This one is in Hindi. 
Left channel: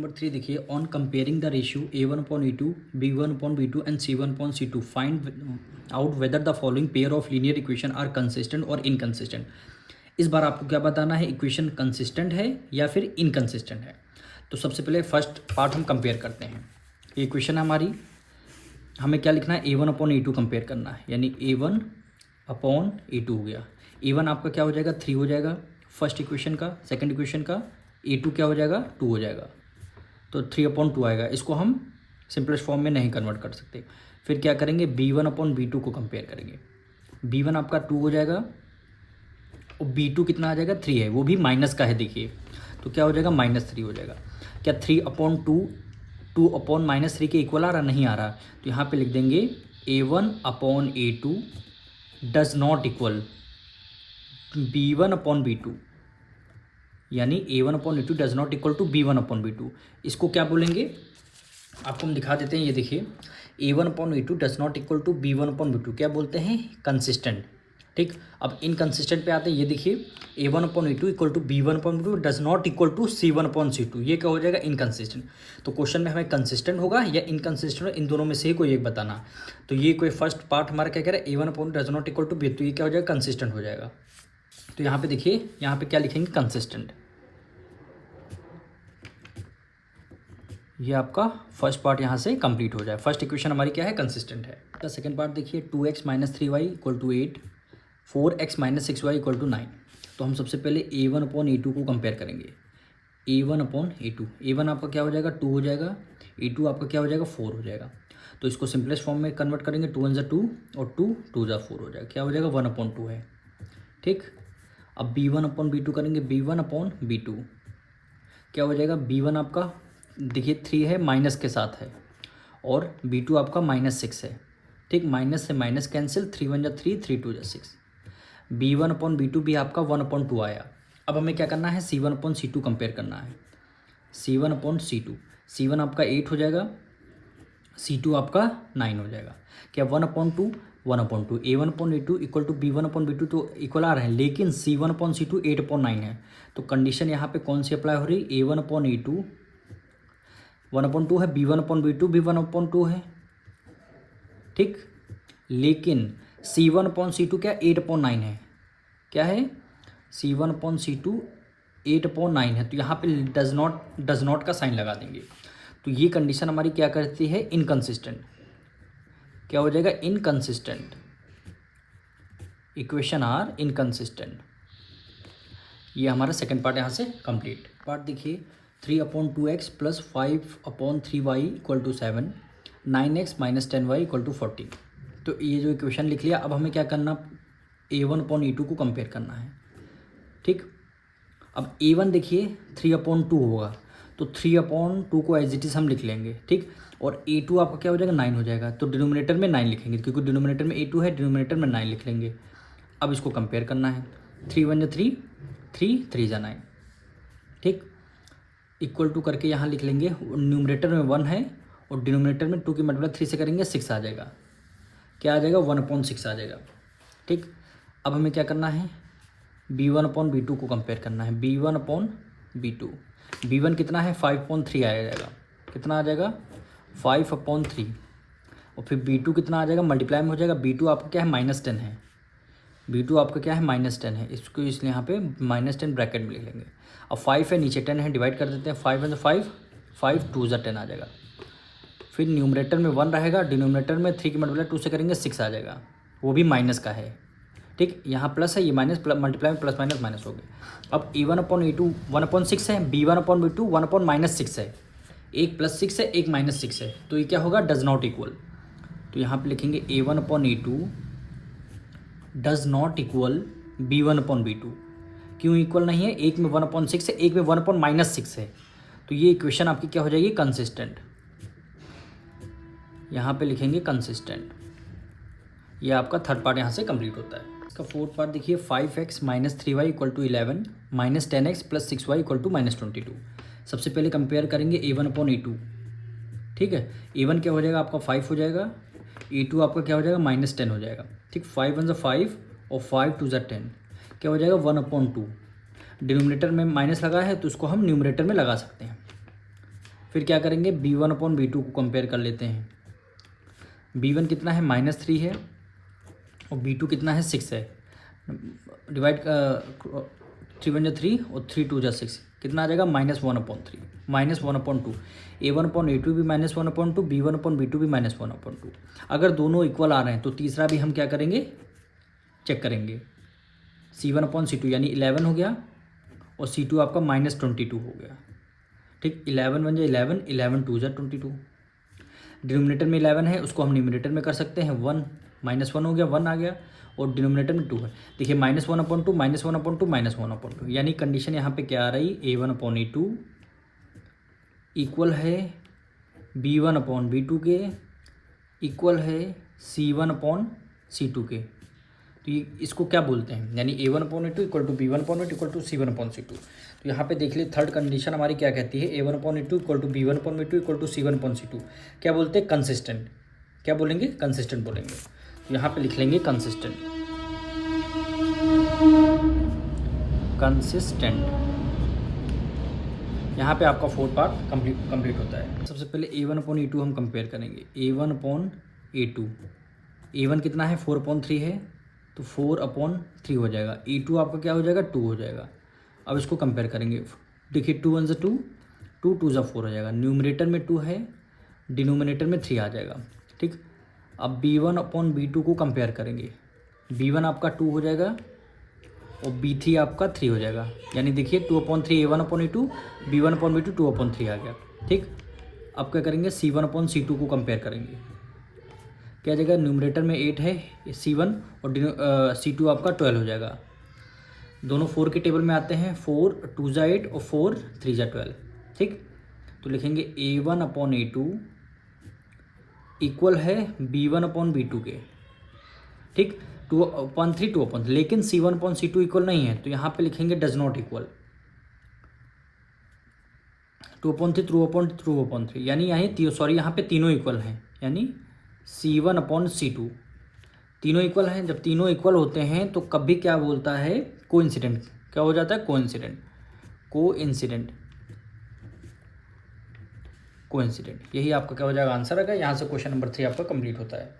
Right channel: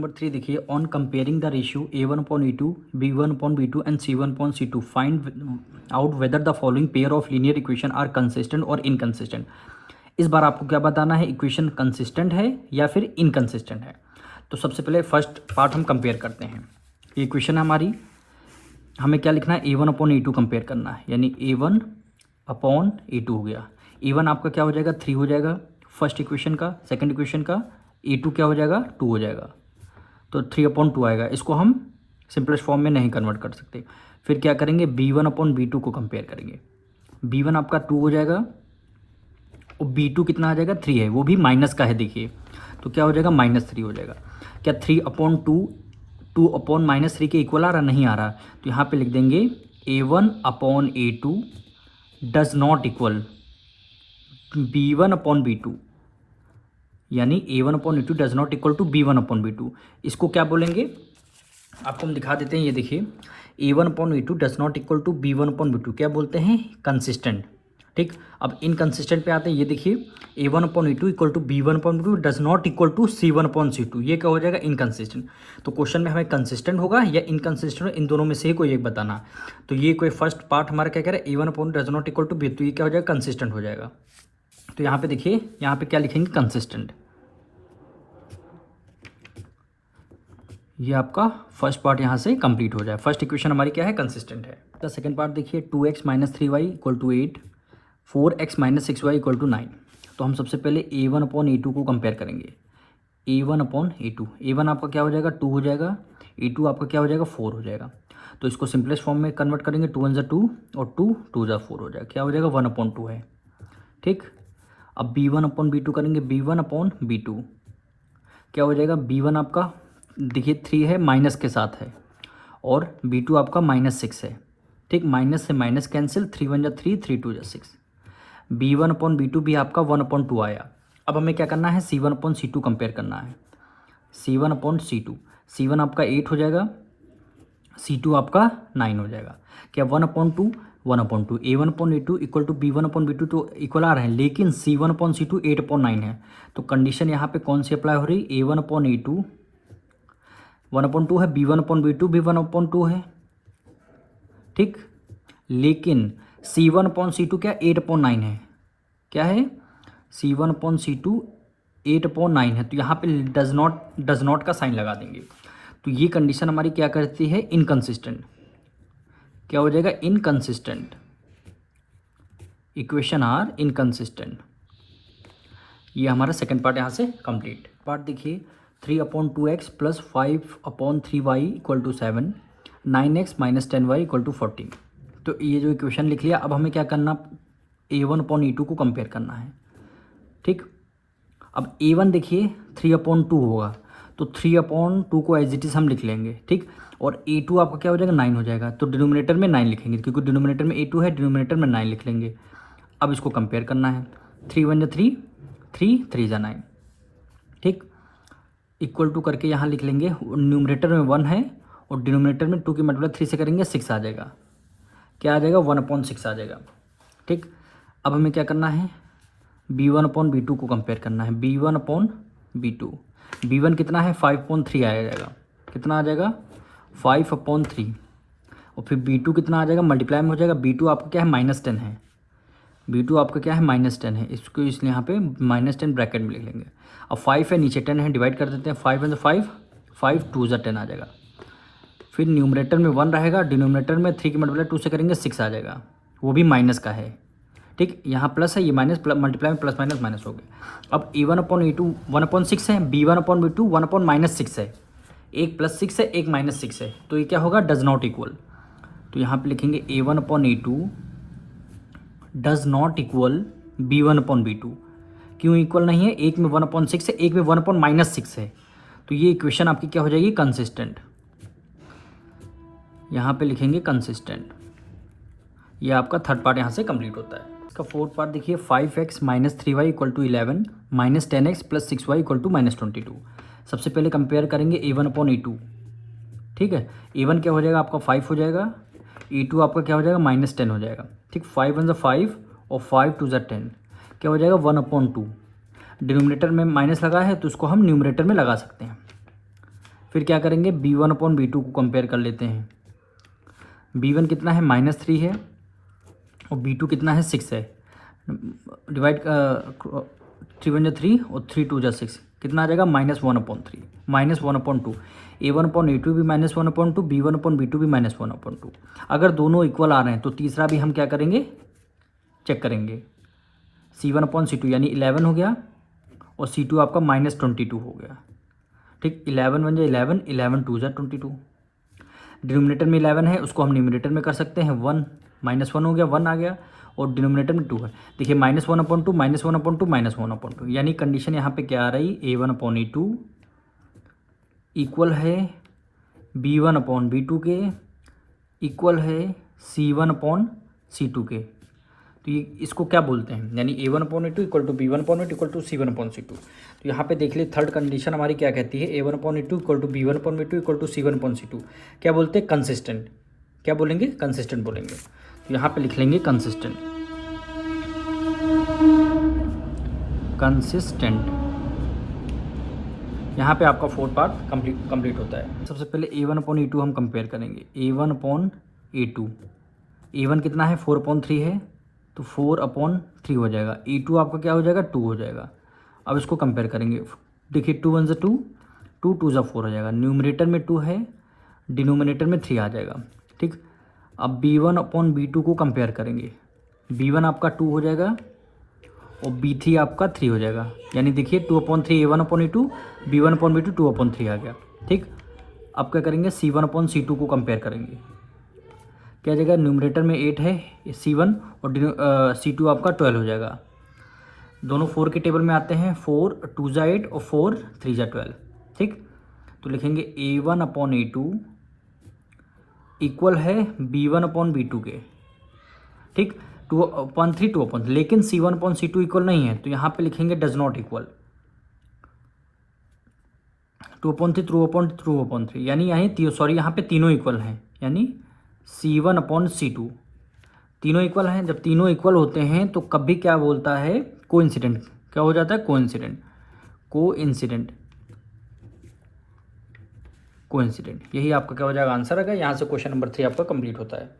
नंबर 3 देखिए, on comparing the ratio A1/E2, B1/B2 and C1/C2 find out whether the following pair of linear equation are consistent और इनकंसिस्टेंट। इस बार आपको क्या बताना है, इक्वेशन कंसिस्टेंट है या फिर इनकंसिस्टेंट है। तो सबसे पहले फर्स्ट पार्ट हम कंपेयर करते हैं। ये इक्वेशन है हमारी, हमें क्या लिखना है, A1/A2 कंपेयर करना है, यानी A1/A2 हो गया। A1 आपका क्या हो जाएगा, 3 हो जाएगा फर्स्ट इक्वेशन का, सेकंड इक्वेशन का A2 क्या हो जाएगा, 2 हो जाएगा, तो 3/2 आएगा। इसको हम सिंपलेस्ट फॉर्म में नहीं कन्वर्ट कर सकते। फिर क्या करेंगे, B1/B2 को कंपेयर करेंगे। B1 आपका 2 हो जाएगा और B2 कितना आ जाएगा, 3 है, वो भी माइनस का है देखिए, तो क्या हो जाएगा, -3 हो जाएगा। क्या 3/2 2/-3 के इक्वल आ रहा, नहीं आ रहा, तो यहाँ पे लिख देंगे A1/A2 does not equal B1/B2, यानी A1/A2 does not equal to B1/B2। इसको क्या बोलेंगे, आपको हम दिखा देते हैं। ये देखिए, A1/A2 does not equal to B1/B2 क्या बोलते हैं, कंसिस्टेंट। ठीक, अब इनकंसिस्टेंट पे आते हैं। ये देखिए, A1/A2 equal to B1/B2 does not equal to C1/C2, ये क्या हो जाएगा, इनकंसिस्टेंट। तो क्वेश्चन में हमें कंसिस्टेंट होगा या इनकंसिस्टेंट, इन दोनों में से कोई एक बताना। तो ये कोई फर्स्ट पार्ट हमारा क्या कह रहा है, A1/A2 does not equal to B, तो ये क्या हो जाएगा, कंसिस्टेंट हो जाएगा। तो यहाँ पे देखिए, यहाँ पे क्या लिखेंगे, कंसिस्टेंट। ये आपका फर्स्ट पार्ट यहाँ से कंप्लीट हो जाए। फर्स्ट इक्वेशन हमारी क्या है, कंसिस्टेंट है। तो सेकंड पार्ट देखिए, 2x - 3y = 8, 4x - 6y = 9। तो हम सबसे पहले A1/A2 को कंपेयर करेंगे। A1/A2, A1 आपका क्या हो जाएगा, 2 हो जाएगा, A2 आपका क्या हो जाएगा, 4 हो जाएगा। तो इसको सिंपलेस्ट फॉर्म में कन्वर्ट करेंगे, 2 × 2 और 2 2 × 4 हो जाएगा, क्या हो जाएगा, 1/2 है। ठीक, अब B1/B2 करेंगे, B1/B2 क्या हो जाएगा, B1 आपका देखिए 3 है, माइनस के साथ है, और B2 आपका -6 है। ठीक, माइनस से माइनस कैंसिल, 3 × 1 = 3, 3 × 2 = 6। B1/B2 भी आपका 1/2 आया। अब हमें क्या करना है, C1/C2 कंपेयर करना है। C1/C2, C1 आपका 8 हो जाएगा, C2 आपका 9 हो जाएगा। क्या 1/2 1/2, A1/A2 इक्वल टू B1/B2 तो इक्वल आ रहे हैं, लेकिन C1/C2 8/9 है। तो कंडीशन यहाँ पे कौन सी अप्लाई हो रही है, A1/A2 1/2 है, B1/B2 भी 1/2 है। ठीक, लेकिन C1/C2 क्या 8/9 है, क्या है, C1/C2 8/9 है। तो यहाँ पे डज नॉट का साइन लगा देंगे। तो ये कंडीशन हमारी क्या करती है, इनकंसिस्टेंट। क्या हो जाएगा, इनकंसिस्टेंट। Equation are inconsistent. ये हमारा सेकंड पार्ट यहाँ से कंप्लीट। पार्ट देखिए, 3/2x + 5/3y = 7, 9x - 10y = 14। तो ये जो इक्वेशन लिख लिया, अब हमें क्या करना, A1/E2 को कंपेयर करना है। ठीक, अब A1 देखिए 3/2 होगा, तो 3/2 को एज इट इज़ हम लिख लेंगे। ठीक, और A2 आपका क्या हो जाएगा, 9 हो जाएगा, तो डिनोमिनेटर में 9 लिखेंगे, क्योंकि डिनोमिनेटर में A2 है, डिनोमिनेटर में 9 लिख लेंगे। अब इसको कंपेयर करना है, 3 × 1 = 3, 3 3 × 9। ठीक, इक्वल टू करके यहाँ लिख लेंगे, न्यूमरेटर में 1 है और डिनोमिनेटर में 2 की मल्टीप्लाई 3 से करेंगे 6 आ जाएगा, क्या आ जाएगा, 1/6 आ जाएगा। ठीक, अब हमें क्या करना है, B1/B2 को कंपेयर करना है। B1/B2, B1 कितना है, 5/3 आ जाएगा, कितना आ जाएगा, 5/3, और फिर B2 कितना आ जाएगा, मल्टीप्लाई में हो जाएगा। B2 आपका क्या है, -10 है, B2 आपका क्या है, -10 है, इसको इसलिए यहाँ पे -10 ब्रैकेट में लिख लेंगे। अब 5 है, नीचे 10 है, डिवाइड कर देते हैं, 5 × 5, 5 2 × 10 आ जाएगा। फिर न्यूमरेटर में 1 रहेगा, डिनोमिनेटर में 3 की मल्टीप्लाई 2 से करेंगे 6 आ जाएगा, वो भी माइनस का है। ठीक, यहाँ प्लस है, ये माइनस, मल्टीप्लाई में प्लस माइनस माइनस हो गया। अब A1/A2 1/6 है, B1/B2 1/-6 है, एक +6 है, एक -6 है, तो ये क्या होगा, डज नॉट इक्वल। तो यहाँ पे लिखेंगे A1/A2 does not equal B1/B2। क्यों इक्वल नहीं है, एक में 1/6 है, एक में 1/-6 है, तो ये इक्वेशन आपकी क्या हो जाएगी, कंसिस्टेंट। यहाँ पे लिखेंगे कंसिस्टेंट। ये आपका थर्ड पार्ट यहाँ से कंप्लीट होता है। इसका फोर्थ पार्ट देखिए, 5x - 3y = 11, -10x + 6y = -22। सबसे पहले कंपेयर करेंगे A1/A2। ठीक है, A1 क्या हो जाएगा, आपका 5 हो जाएगा, A2 आपका क्या हो जाएगा, -10 हो जाएगा। ठीक, 5 × 5 और 5 2 × 10, क्या हो जाएगा, 1/2। डिनोमिनेटर में माइनस लगा है, तो उसको हम न्यूमरेटर में लगा सकते हैं। फिर क्या करेंगे, B1 अपॉन B2 को कंपेयर कर लेते हैं। B1 कितना है -3 है और B2 कितना है 6 है। डिवाइड 3 1 3 और 3 2 6, कितना आ जाएगा -1/3 -1/2। A1 अपॉन A2 भी -1/2, B1 अपॉन B2 भी -1/2। अगर दोनों इक्वल आ रहे हैं तो तीसरा भी हम क्या करेंगे, चेक करेंगे। C1 अपॉन C2 यानी 11 हो गया और C2 आपका -22 हो गया। ठीक, 11 1 11, 11 2 22। डिनोमिनेटर में 11 है, उसको हम न्यूमरेटर में कर सकते हैं 1, -1 हो गया, 1 आ गया और डिनोमिनेटर में 2 है। देखिए -1/2 -1/2 -1/2, यानी कंडीशन यहाँ पे क्या आ रही, A1 अपॉन A2 इक्वल है B1 अपॉन B2 के, इक्वल है C1 अपॉन C2 के। तो ये इसको क्या बोलते हैं, यानी A1 upon A2 equal to B1 upon A2 equal to C1 upon C2। तो यहाँ पे देख लिए थर्ड कंडीशन हमारी क्या कहती है, A1 upon A2 equal to B1 upon B2 equal to C1 upon C2। क्या बोलते हैं, कंसिस्टेंट। क्या बोलेंगे, कंसिस्टेंट बोलेंगे। तो यहाँ पे लिख लेंगे कंसिस्टेंट। कंसिस्टेंट, यहाँ पे आपका फोर्थ पार्ट कंप्लीट होता है। सबसे पहले A1 अपॉन A2 हम कंपेयर करेंगे। A1 अपॉन A2, A1 कितना है 4/3 है, तो 4/3 हो जाएगा। A2 आपका क्या हो जाएगा, 2 हो जाएगा। अब इसको कंपेयर करेंगे। देखिए 2 1 2, 2 2 4 हो जाएगा। न्यूमरेटर में 2 है, डिनोमिनेटर में 3 आ जाएगा। ठीक, अब B1 अपॉन B2 को कंपेयर करेंगे। B1 आपका 2 हो जाएगा और B3 आपका 3 हो जाएगा। यानी देखिए 2/3 A1 upon A2, B1 upon B2 2/3 आ गया। ठीक, अब क्या करेंगे, C1 अपॉन C2 को कंपेयर करेंगे। क्या जगह, न्यूमरेटर में 8 है C1 और C2 आपका 12 हो जाएगा। दोनों 4 के टेबल में आते हैं, 4 2 8 और 4 3 12। ठीक, तो लिखेंगे A1 अपॉन A2 इक्वल है B1 अपॉन B2 के। ठीक, 2/3 2/3, लेकिन C1 अपॉन C2 इक्वल नहीं है, तो यहाँ पे लिखेंगे डज नॉट इक्वल। 2/3 2/3, यानी यहाँ पे तीनों इक्वल हैं, यानी C1 अपॉन C2 तीनों इक्वल हैं। जब तीनों इक्वल होते हैं तो कभी क्या बोलता है, कोइंसिडेंट। क्या हो जाता है, कोइंसिडेंट। कोइंसिडेंट, यही आपका क्या हो जाएगा, आंसर आएगा। यहाँ से क्वेश्चन नंबर 3 आपका कंप्लीट होता है।